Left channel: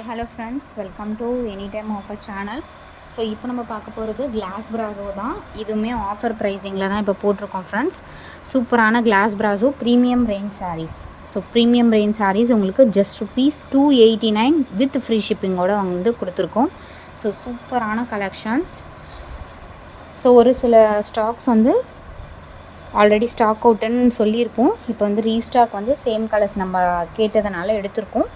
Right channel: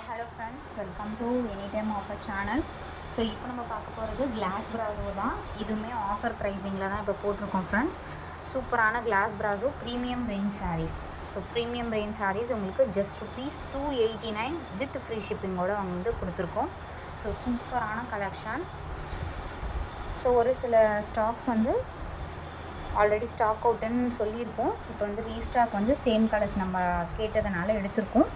Hi hello friends, welcome to any time offer channel. So இப்போ நம்ம பார்க்க போகிறது கிளாஸ் பிராசோ தான். இதுவுமே ஆஃபர் ப்ரைஸிங்கில் தான் இப்போ போட்டிருக்கோம் ஃப்ரெண்ட்ஸ். சூப்பரான glass brasso premium range sarees. So premium range sarees உங்களுக்கு ஜஸ்ட் ₹289 வித் ஃப்ரீ ஷிப்பிங்கோடு வந்து கொடுத்துருக்கோம். ஸோ சூப்பரான கலெக்ஷன்ஸ். ஸோ ஒரு சில ஸ்டாக்ஸ் வந்து ஆல்ரெடி ஸ்டாக் அவுட்டுன்னு சொல்லியிருக்கோம். இப்போ வந்து ரீஸ்டாக் வந்து சேம் கலர்ஸ் நம்ம கேட்டதுனால எடுத்திருக்கோம்.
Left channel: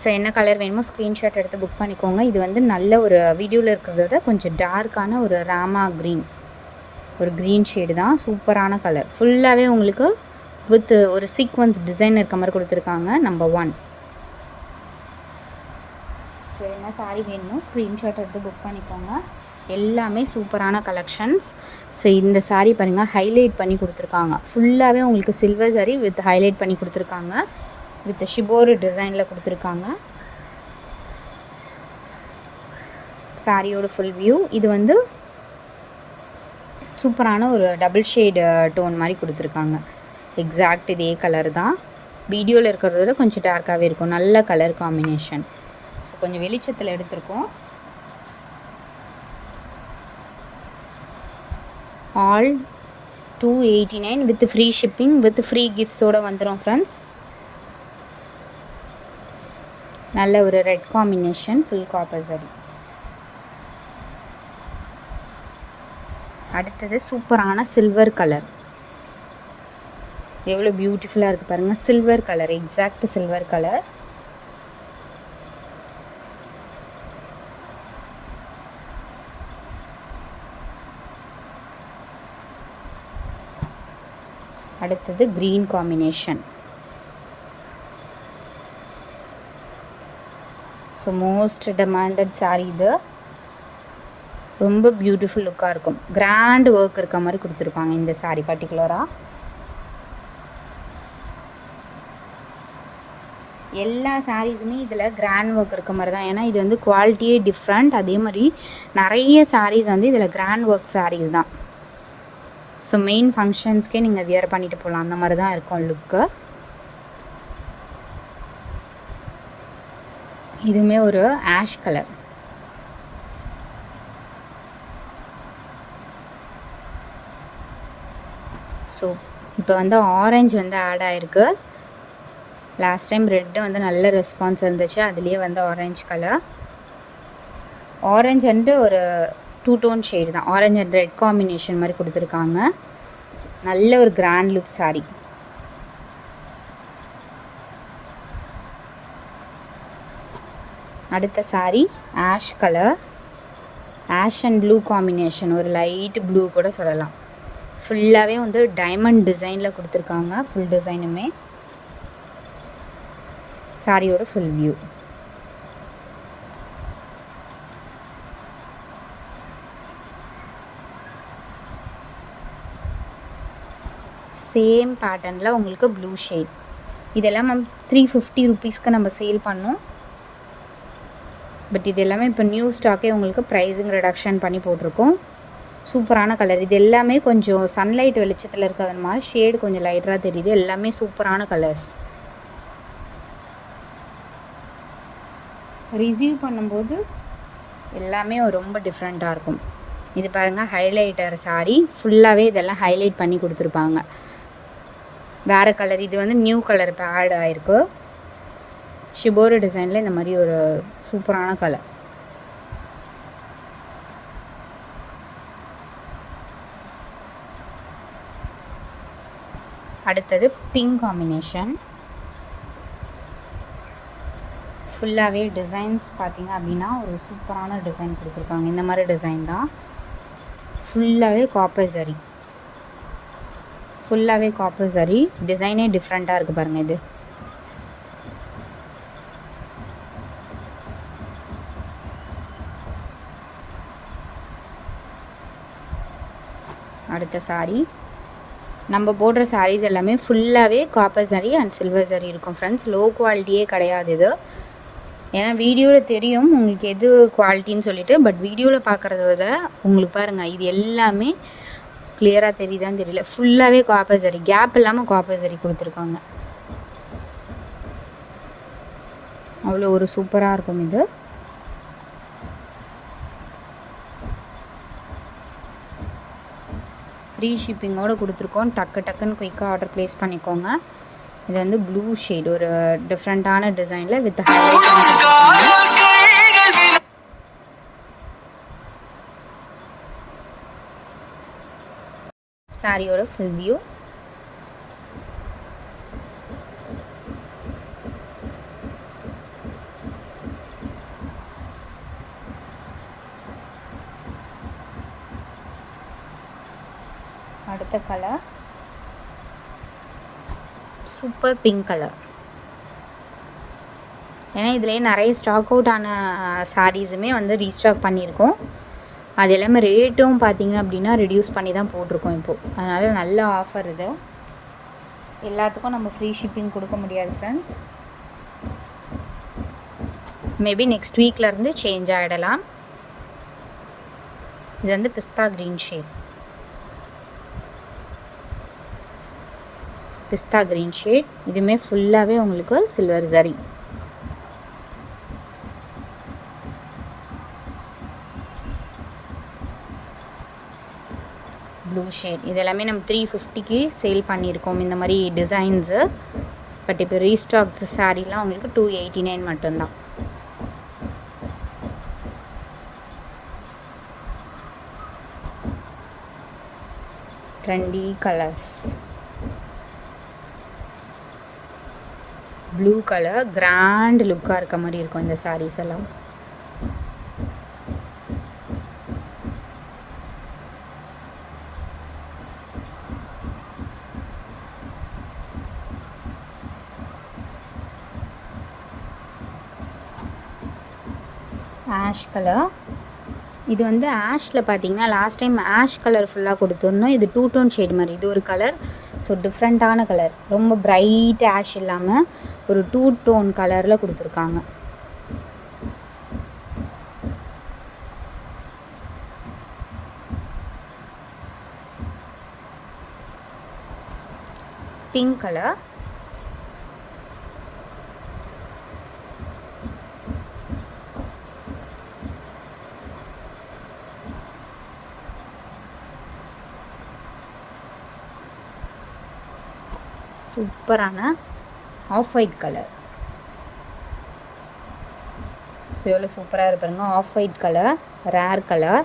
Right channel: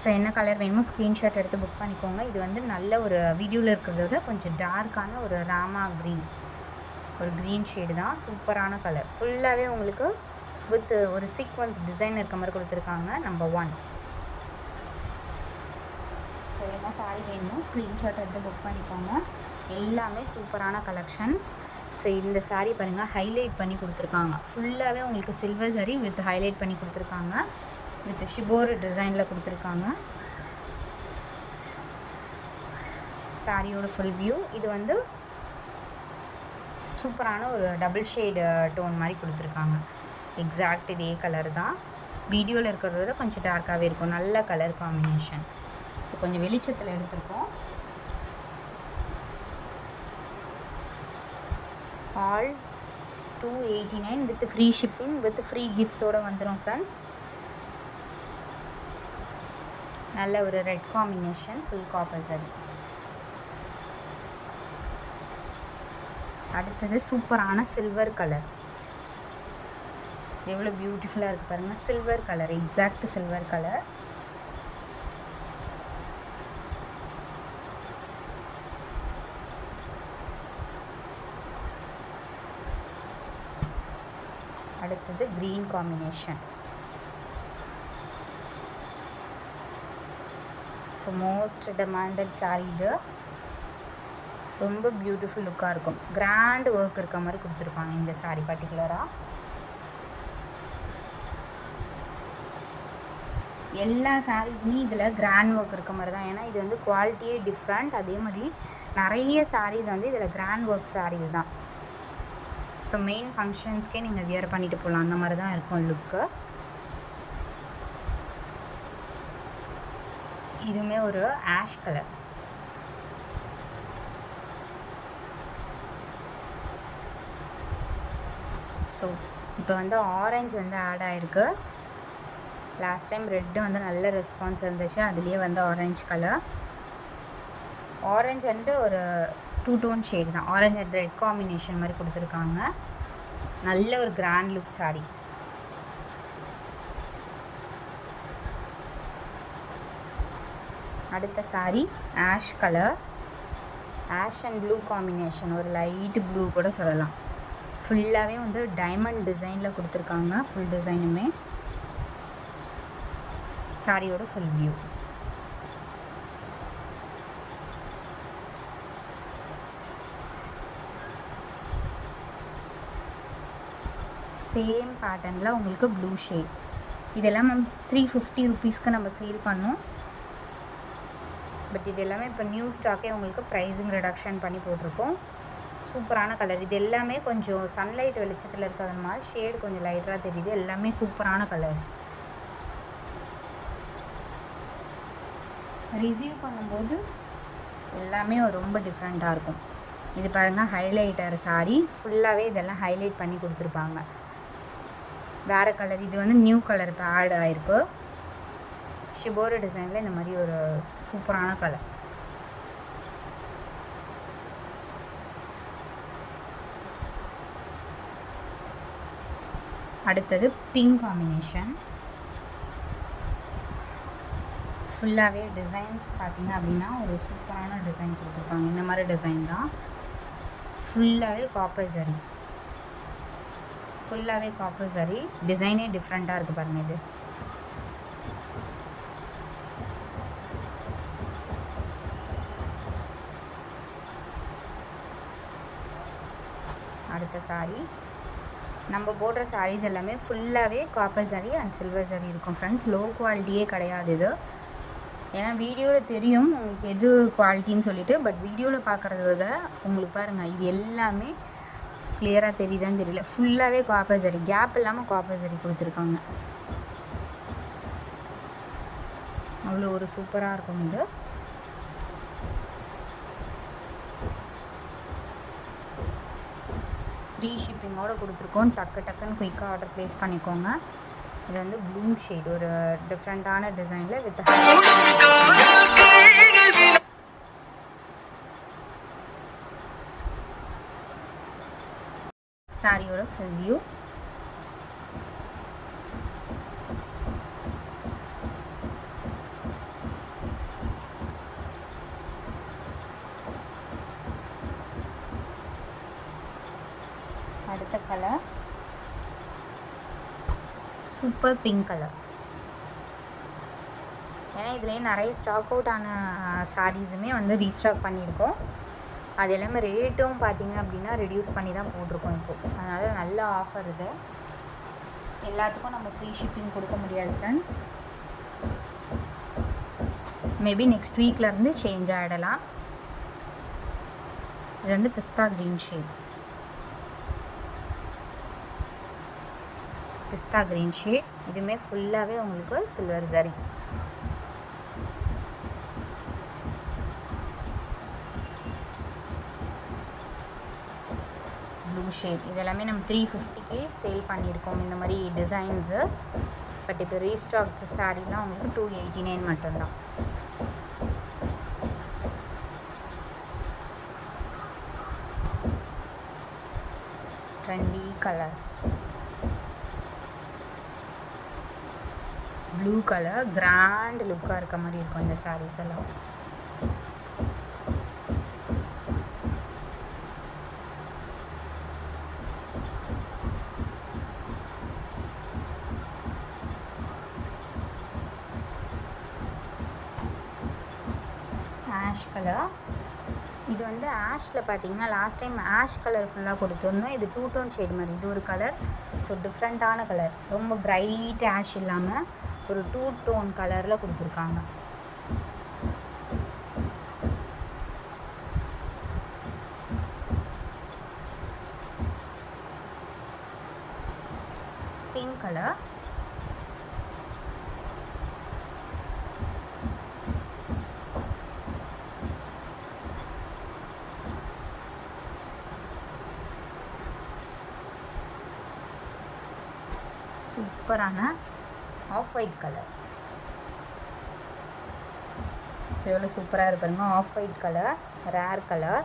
ஸோ என்ன கலர் வேணுமோ ஸ்க்ரீன்ஷாட் எடுத்து புக் பண்ணிக்கோங்க. இது வந்து நல்ல ஒரு வீடியோவில் இருக்கிறத விட கொஞ்சம் டார்க்கான ஒரு ராமா க்ரீன், ஒரு க்ரீன் ஷேடு தான். சூப்பரான கலர். ஃபுல்லாகவே உங்களுக்கு வித் ஒரு சீக்வன்ஸ் டிசைன் இருக்க மாதிரி கொடுத்துருக்காங்க. நம்பர் 1. ஸோ என்ன சாரீ வேணுமோ ஸ்க்ரீன்ஷாட் எடுத்து புக் பண்ணிக்கோங்க. எல்லாமே சூப்பரான கலெக்ஷன்ஸ். ஸோ இந்த சாரீ பாருங்கள், ஹைலைட் பண்ணி கொடுத்துருக்காங்க. ஃபுல்லாகவே உங்களுக்கு சில்வர் சாரீ வித் ஹைலைட் பண்ணி கொடுத்துருக்காங்க. வித் ஷிபோரு டிசைனில் கொடுத்துருக்காங்க. சாரியோட ஃபுல் வியூ. இது வந்து சூப்பரான ஒரு டபுள் ஷேடு டோன் மாதிரி கொடுத்துருக்காங்க. எக்ஸாக்ட் இதே கலர் தான். வீடியோவில் இருக்கிறத விட கொஞ்சம் டார்க்காகவே இருக்கும். நல்ல கலர் காம்பினேஷன். ஸோ கொஞ்சம் வெளிச்சத்தில் எடுத்திருக்கோம். All 289 with free shipping with free கிஃப்ட்ஸோடு வந்துடும் ஃப்ரெண்ட்ஸ். நல்ல ஒரு ரெட் காம்பினேஷன், ஃபுல் காப்பர் சரி. அடுத்தது சூப்பரான சில்வர் கலர். எவ்வளோ பியூட்டிஃபுல்லாக இருக்குது பாருங்கள். Silver colour, exact silver colour. அடுத்தது green combination. So most demanded sari இது. ரொம்ப பியூட்டிஃபுல் லுக்காக இருக்கும். கிராண்ட் ஒர்க் இருக்க மாதிரி கொடுத்துருப்பாங்க இந்த சாரீ பர்டிகுலராக. எல்லா சாரீஸுமே இதில் கிராண்ட் ஒர்க் இருக்க மாதிரி தான். ஏன்னா இது வந்து குவாலிட்டியே டிஃப்ரெண்ட். அதே மாதிரி நிறைய சாரீஸ் வந்து இதில் கிராண்ட் ஒர்க் சாரீஸ் தான். ஸோ மெயின் ஃபங்க்ஷன்ஸ்க்கே நீங்கள் வியர் பண்ணிட்டு போகலாம். அந்த மாதிரி தான் இருக்கும் லுக்கு. இதுவுமே ஒரு ஆஷ் கலர். ஸோ இப்போ வந்து ஆரஞ்சு வந்து ஆட் ஆகிருக்கு. லாஸ்ட் டைம் ரெட்டு வந்து நல்ல ரெஸ்பான்ஸ் இருந்துச்சு. அதுலேயே வந்து ஆரஞ்சு கலர். ஆரஞ்சு வந்து ஒரு 2 டோன் ஷேடு தான். ஆரஞ்சு அண்ட் ரெட் காம்பினேஷன் மாதிரி கொடுத்துருக்காங்க. நல்ல ஒரு கிராண்ட் லுக் சாரீ. அடுத்த sari ash colour. Ash and blue combination, ஒரு லைட் ப்ளூ கூட சொல்லலாம். ஃபுல்லாகவே வந்து டைமண்ட் டிசைனில் கொடுத்துருக்காங்க. ஃபுல் டிசைனுமே. சாரியோட ஃபுல் வியூ. சேம் பேட்டர்னில் உங்களுக்கு ப்ளூ ஷேட். இதெல்லாம் மேம் ₹350 நம்ம சேல் பண்ணோம். பட் இது எல்லாமே இப்போ நியூ ஸ்டாக்கே உங்களுக்கு ப்ரைஸிங் ரிடக்ஷன் பண்ணி போட்டிருக்கோம். சூப்பரான கலர். இது எல்லாமே கொஞ்சம் சன்லைட் வெளிச்சத்தில் இருக்கிறது மாதிரி ஷேடு கொஞ்சம் லைட்டராக தெரியுது. எல்லாமே சூப்பரான கலர்ஸ். ரிசீவ் பண்ணும்போது எல்லாமே ரொம்ப டிஃப்ரெண்ட்டாக இருக்கும். இது பாருங்கள், ஹைலைட்டர் சாரீ. ஃபுல்லாகவே இதெல்லாம் ஹைலைட் பண்ணி கொடுத்துருப்பாங்க. வேறு கலர். இது வந்து நியூ கலர் இப்போ ஆட் ஆகிருக்கு. ஷிபோரு டிசைனில் இந்த மாதிரி ஒரு சூப்பரான கலர். அடுத்தது பிங்க் காம்பினேஷன். ஃபுல்லாகவே டிசைன்ஸ் பார்த்திங்க அப்படின்னா ஒரு சூப்பரான டிசைன் கொடுத்துருக்காங்க. இந்த மாதிரி டிசைன் தான். ஃபுல்லாகவே காப்பர் சரி. ஃபுல்லாகவே காப்பர் சரி. டிசைனே டிஃப்ரெண்ட்டாக இருக்குது பாருங்கள். இது அடுத்த சாரீ. நம்ம போடுற சாரீஸ் எல்லாமே ஃபுல்லாகவே காப்பர் சரி அண்ட் சில்வர் சரி இருக்கும் ஃப்ரெண்ட்ஸ். லோ குவாலிட்டியே கிடையாது இது. ஏன்னா வீடியோவில் தெரியும் உங்களுக்கு எது குவாலிட்டின்னு சொல்லிட்டு. பட் வீடியோவில் பார்க்குறத விட உங்களுக்கு பாருங்கள், இது எல்லாமே கிளியராக தெரியுதான்னு தெரியல. ஃபுல்லாகவே காப்பர் சரி, கேப் இல்லாமல் காப்பர் சரி கொடுத்துருக்காங்க. அவ்வளோ ஒரு சூப்பராக இருக்கும் இது. ஃப்ரீ ஷிப்பிங்கோடு கொடுத்துருக்கோம். டக்குன்னு குயிக்காக ஆர்டர் ப்ளேஸ் பண்ணிக்கோங்க. இது வந்து ப்ளூ ஷேட், ஒரு டிஃப்ரெண்ட்டான டிசைனில் வித் சாரியோட ஃபுல் வியூ. அடுத்த கலர் சூப்பர் பிங்க் கலர். ஏன்னா இதிலே நிறைய ஸ்டாக் அவுட் ஆன சாரீஸுமே வந்து ரீஸ்டாக் பண்ணியிருக்கோம். அது எல்லாமே ரேட்டும் பார்த்திங்க அப்படின்னா ரெடியூஸ் பண்ணி தான் போட்டிருக்கோம் இப்போது. அதனால் நல்ல ஆஃபர் இது. எல்லாத்துக்கும் நம்ம ஃப்ரீ ஷிப்பிங் கொடுக்க முடியாது ஃப்ரெண்ட்ஸ். மேபி நெக்ஸ்ட் வீக்லேருந்து சேஞ்ச் ஆகிடலாம். இது வந்து பிஸ்தா க்ரீன் ஷேட். பிஸ்தா க்ரீன் ஷேட். இதுவுமே ஃபுல்லாகவே உங்களுக்கு சில்வர் ஜரி. Blue shade. இது எல்லாமே நம்ம 350க்கு சேல் பண்ணியிருக்கோம் இந்த மாதிரி டிசைன்ஸு. பட் இப்போ ரீஸ்டாக் சாரீலாம் உங்களுக்கு 289 மட்டும்தான். Trendy colours. Blue colour grand லுக்காக இருக்க மாதிரி இருக்கும் இந்த சாரீஸ் எல்லாம். Ash colour. இது வந்து ஆஷில் பார்த்தீங்கன்னா லாஸ்ட் டைம் ஆஷ் கலர் ஃபுல்லாக கொடுத்துருந்தோம். இது 2 டோன் ஷேட் மாதிரி. இது ஒரு கலர். ஸோ டிஃப்ரெண்ட்டான கலர். ரொம்ப பிரைட் ஆஷ் இல்லாமல் ஒரு 2 டோன் கலரில் கொடுத்துருக்காங்க. Pink colour. சூப்பரான ஆஃப் ஒயிட் கலர். ஸோ எவ்வளோ சூப்பராக இருப்பாருங்க. Off white colour, rare colour.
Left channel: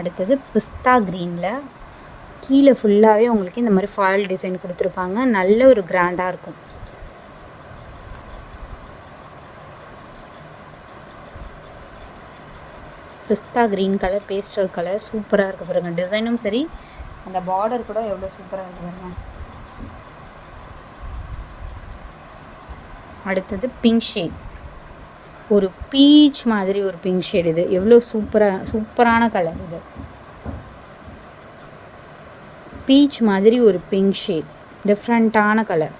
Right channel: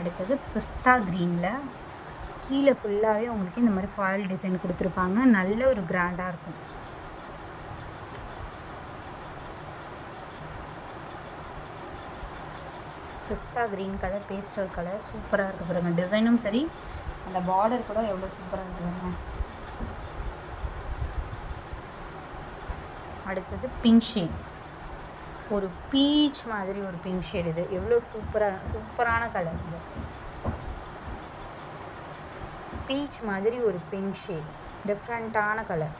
அடுத்தது பிஸ்தா க்ரீனில் கீழே ஃபுல்லாகவே உங்களுக்கு இந்த மாதிரி ஃபாயில் டிசைன் கொடுத்துருப்பாங்க. நல்ல ஒரு கிராண்டாக இருக்கும். பிஸ்தா க்ரீன் கலர், பேஸ்டல் கலர். சூப்பராக இருக்குது பாருங்க. டிசைனும் சரி, இந்த பார்டர் கூட எவ்வளோ சூப்பராக இருக்குங்க. அடுத்தது பிங்க் ஷேட். ஒரு பீச் மாதிரி ஒரு பிங்க் ஷேட். இது எவ்வளோ சூப்பரான கலர். இது பீச் மாதிரி ஒரு பிங்க் ஷேட், டிஃப்ரெண்ட்டான கலர்.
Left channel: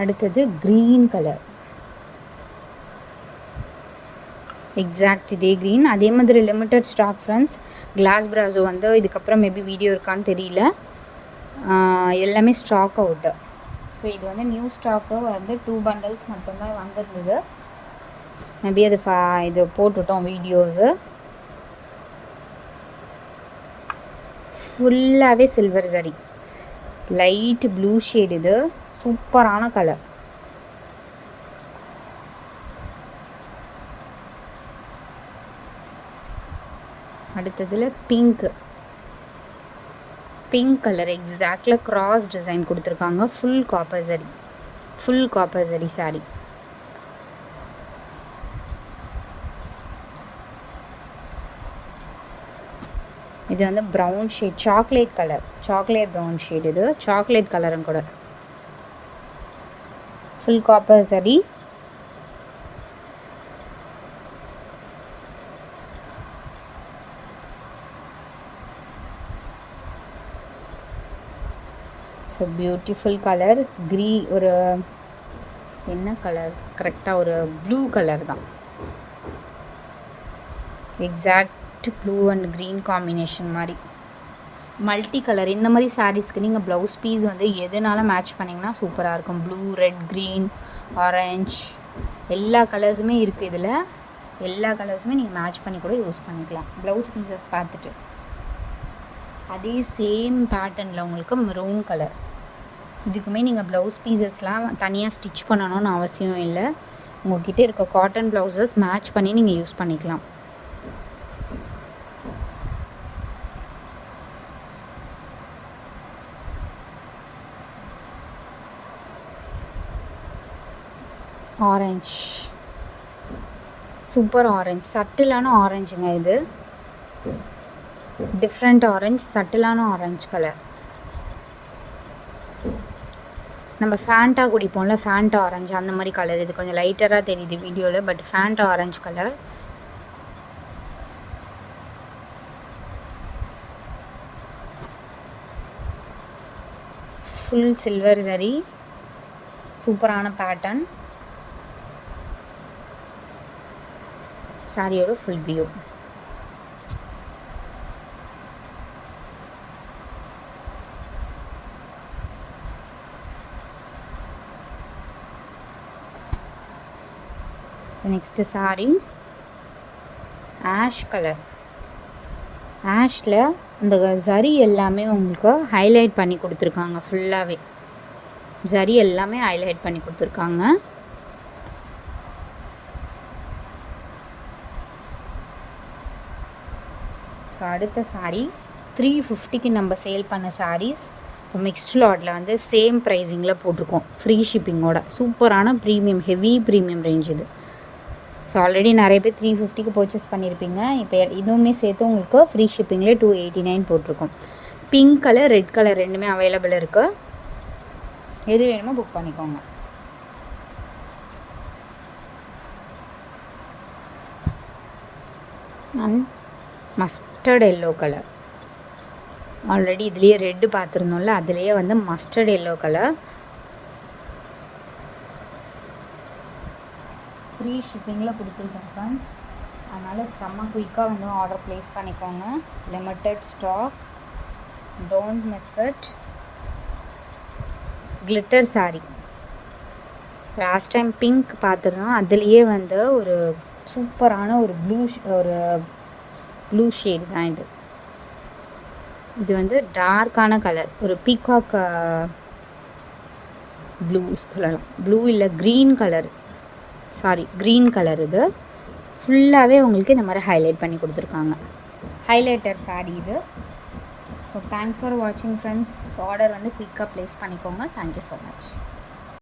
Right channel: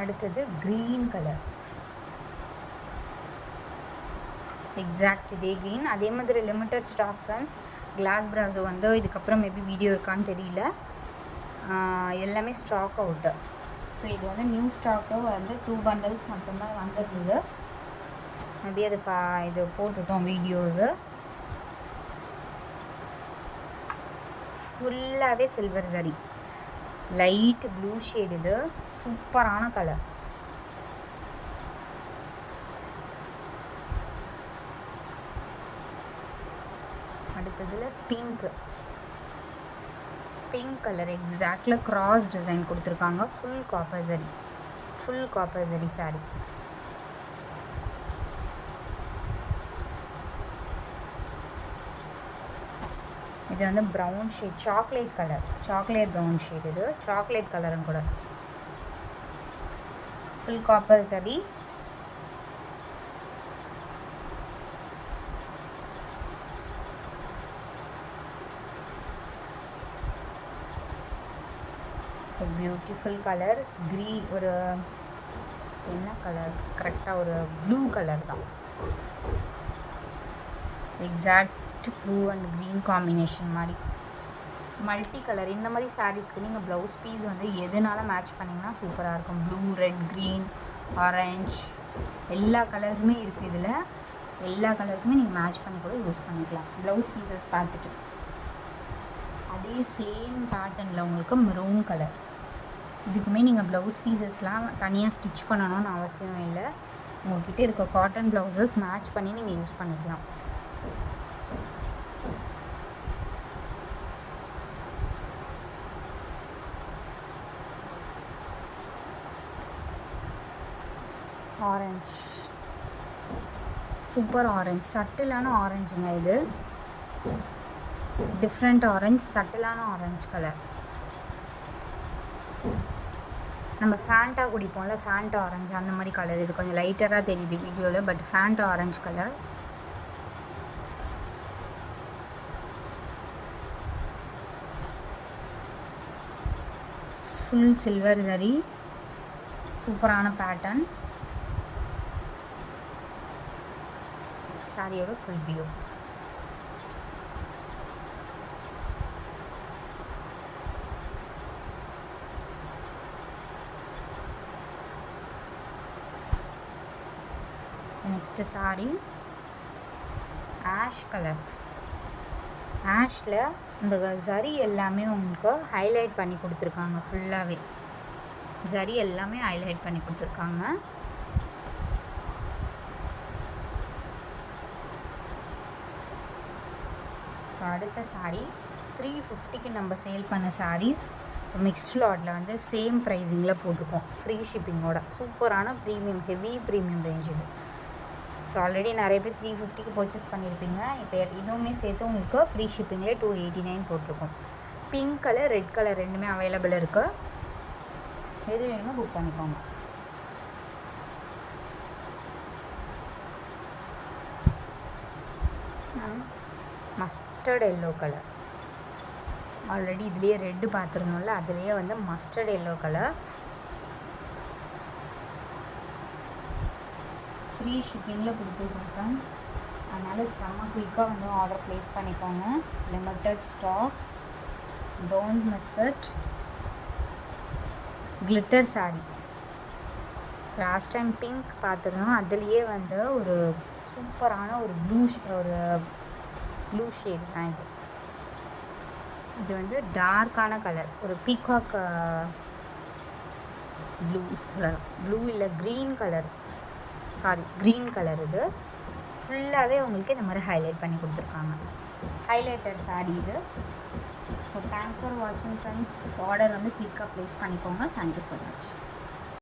அடுத்தது க்ரீன் கலர். எக்ஸாக்ட் இதே க்ரீன். அதே மாதிரி லிமிட்டட் ஸ்டாக் ஃப்ரெண்ட்ஸ். கிளாஸ் பிராஸோ வந்து இதுக்கப்புறம் மேபி வீடியோ இருக்கான்னு தெரியல. எல்லாமே ஸ்டாக் அவுட்டு. ஸோ இது வந்து நியூ ஸ்டாக்கு வந்து 2 பண்டல்ஸ் மட்டும்தான் வந்துருக்குது. மேபி அது இது போட்டுட்டோம் வீடியோஸு. ஃபுல்லாகவே silver zari. Light blue shade. இது சூப்பரான கலர். அடுத்ததில் பிங்க் கலர். எக்ஸாக்டில் கிராஸ் டிசைன் கொடுத்துருக்காங்க. Full copper zari sari. இது வந்து brown shade, chocolate colour, chocolate brown shade. இது சாக்லேட் கலரும் கூட. Full copper zari. So beautiful colour. ஒரு என்ன கலர், கரெக்டாக ஒரு ப்ளூ கலர் தான், exact blue and green combination மாதிரி மல்டி கலர். இந்த மாதிரி சாரீஸ்க்கு நீங்கள் ப்ளவுஸ் பீஸ் வந்து எதுனால மேட்ச் பண்ணிங்கன்னா சூப்பராக இருக்கும். ப்ளூ, ரெட், க்ரீன், ஆரஞ்ச் எல்லா கலர்ஸுமே இருக்குது இதில். எல்லா கலர்ஸுமே நீங்கள் மேட்ச் பண்ணி கூட யூஸ் பண்ணிக்கலாம் ப்ளவுஸ் பீசஸ் பார்த்துட்டு. அதே சேம் பேட்டர்னில் உங்களுக்கு மெரூன் கலர். இதுக்குமே நீங்கள் ப்ளவுஸ் பீசஸ்லாம் தனியாக ஸ்டிச் பண்ணணும்னு அவசியம் இல்லை. உங்கள்கிட்ட இருக்க காட்டன் ப்ளவுசஸ் மேட்ச் பண்ணி நீங்கள் யூஸ் பண்ணிக்கலாம். ஆரஞ்ச், சூப்பர் ஆரஞ்ச், சட்டிலான ஆரஞ்சுங்க இது. டிஃப்ரெண்ட் ஆரஞ்ச், சட்டிலான ஆரஞ்ச் கலர். நம்ம ஃபேண்டா குடிப்போம்ல, ஃபேண்டா ஆரஞ்சு அந்த மாதிரி கலர். இது கொஞ்சம் லைட்டராக தெரியுது வீடியோவில், but Fanta orange colour. Full silver zari, சூப்பரான பேட்டர்ன். சாரியோட full view. Next sari ash colour. ஆஷில் இந்த ஜரி எல்லாமே உங்களுக்கு ஹைலைட் பண்ணி கொடுத்துருக்காங்க. ஃபுல்லாகவே ஜரி எல்லாமே ஹைலைட் பண்ணி கொடுத்துருக்காங்க. ஸோ அடுத்த சாரீ 350க்கு நம்ம சேல் பண்ண சாரீஸ் இப்போ மிக்ஸ்ட் லாட்டில் வந்து சேம் ப்ரைஸிங்கில் போட்டிருக்கோம், ஃப்ரீ ஷிப்பிங்கோட. சூப்பரான ப்ரீமியம், ஹெவி ப்ரீமியம் ரேஞ்ச் இது. ஸோ ஆல்ரெடி நிறைய பேர் 350க்கு பர்ச்சேஸ் பண்ணியிருப்பீங்க. இப்போ இதுவுமே சேர்த்து உங்களுக்கு ஃப்ரீ ஷிப்பிங்லேயே 289 போட்டிருக்கோம். பிங்க் கலர், ரெட் கலர் ரெண்டுமே அவைலபிள் இருக்குது. எது வேணுமோ புக் பண்ணிக்கோங்க. Mustard yellow colour. ஆல்ரெடி இதுலேயே ரெட்டு பார்த்துருந்தோம்ல, அதுலேயே வந்து மஸ்டர்ட் எல்லோ கலர். ஃப்ரீ ஷிப்பிங்கில் கொடுத்துருக்கோம் ஃப்ரெண்ட்ஸ். அதனால் செம்ம குயிக்காக வந்து ஆர்டர் ப்ளேஸ் பண்ணிக்கோங்க. Limited stock, don't miss it. Glitter saree last time pink பார்த்துருந்தோம், அதுலேயே வந்து ஒரு சூப்பரான ஒரு ப்ளூ ஷேட் தான் இது. இது வந்து டார்க்கான கலர், ஒரு பீகாக் ப்ளூ சொல்லலாம். ப்ளூ இல்லை green colour, sorry green colour. இது ஃபுல்லாகவே உங்களுக்கு இந்த மாதிரி ஹைலைட் பண்ணி கொடுத்துருக்காங்க. ஹைலைட்டர் சாரீ இது. ஸோ தேங்க்ஸ் ஃபார் வாட்சிங் ஃப்ரெண்ட்ஸ். ஆர்டர் வந்து குயிக்காக ப்ளேஸ் பண்ணிக்கோங்க. Thank you so much.